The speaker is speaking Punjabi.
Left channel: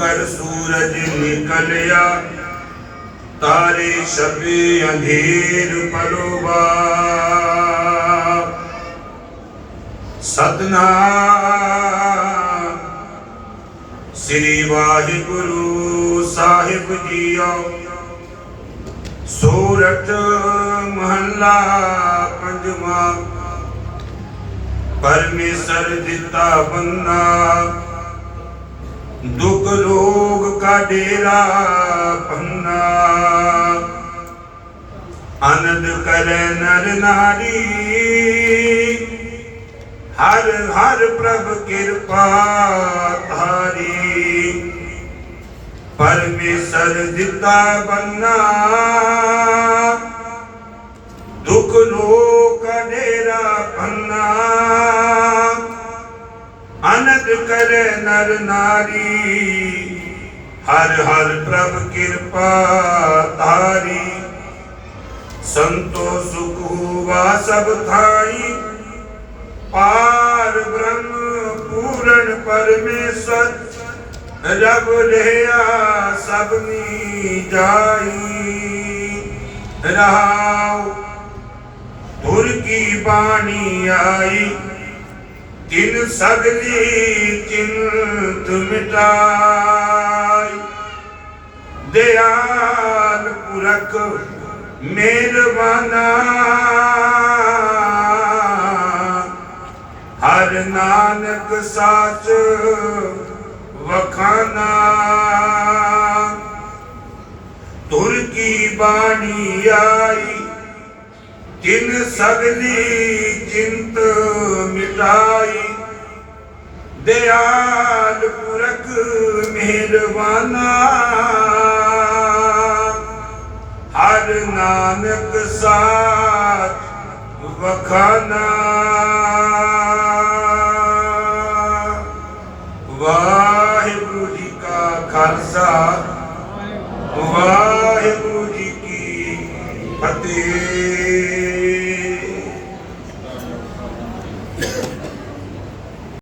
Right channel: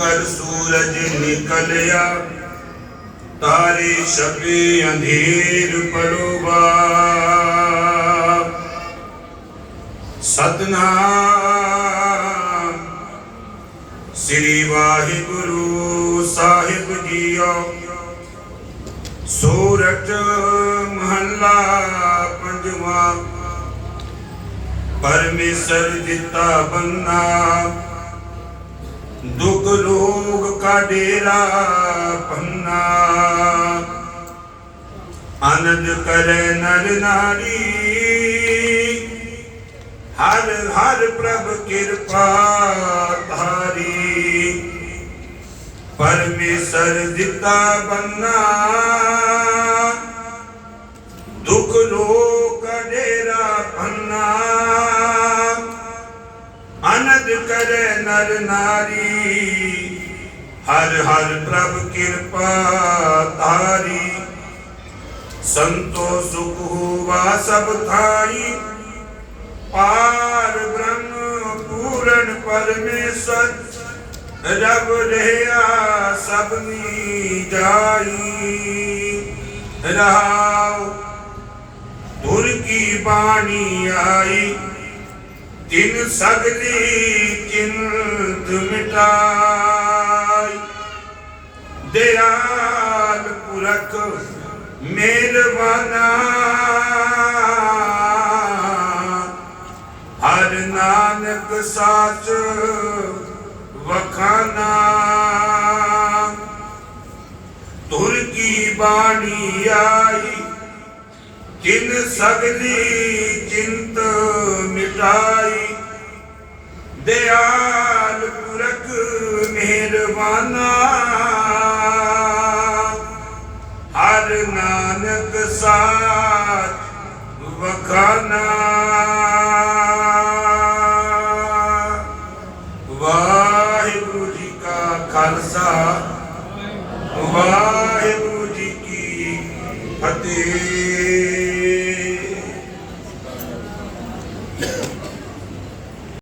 ਕਰ ਸੂਰਜ ਨਿਕਲਿਆ। ਤਾਰੇ ਛਪੇ ਅੰਧੇਰ ਪਰੋਬਾ ਸਤਨਾਮ। ਸ੍ਰੀ ਵਾਹਿਗੁਰੂ ਸਾਹਿਬ ਜੀਓ। ਸੂਰਤ ਮਹੱਲਾ ਪੰਜਵਾ। ਪਰਮੇਸ਼ਰ ਦਿੱਤਾ ਬੰਨਾ। ਦੁਖ ਲੋਗ ਕਾ ਡੇਰਾ ਪੰਨਾ। ਆਨੰਦ ਕਰੇ ਨਰ ਨਾਰੀ। ਹਰ ਹਰ ਪ੍ਰਭ ਕਿਰਪਾ ਧਾਰੀ। ਪਰਮੇਸ਼ਰ ਦਿੱਤਾ ਬੰਨਾ। ਦੁਖ ਲੋਕ ਅਨੰਦ ਕਰੈ ਨਰ ਨਾਰੀ, ਹਰ ਹਰ ਪ੍ਰਭ ਕਿਰਪਾ ਤਾਰੀ ਸੰਤੋ ਸੁਖ ਹੋਵਾ ਸਭ ਥਾਈ। ਪਾਰ ਬ੍ਰਹਮ ਪੂਰਨ ਪਰਮੇਸ਼ਰ ਰਬ ਰਹਿਆ ਸਭਨੀ ਜਾਈ। ਰਹਾਉ ਤੁਰ ਕੀ ਬਾਣੀ ਆਈ ਤਿਨ ਸਗਲੀ ਚਿੰਤ ਮਿਟਾਈ ਦਿਆਲ ਪੁਰਖ ਮਿਹਰਬਾਨਾ। ਹਰ ਨਾਨਕ ਸਾਚ ਵਖਾਨਾ। ਤੁਰ ਕੀ ਬਾਣੀ ਆਈ ਕਿਨ ਸਗਲੀ ਚਿੰਤ ਮਿਟਾਈ ਦਿਆਲ ਪੁਰਖ ਮਿਹਰਬਾਨਾ। ਹਰ ਨਾਨਕ ਸਾਥ ਵਖਾਨਾ। ਵਾਹਿਗੁਰੂ ਜੀ ਕਾ ਖਾਲਸਾ। ਵਾਹਿਗੁਰੂ ਜੀ ਕੀ ਫਤਿਹ।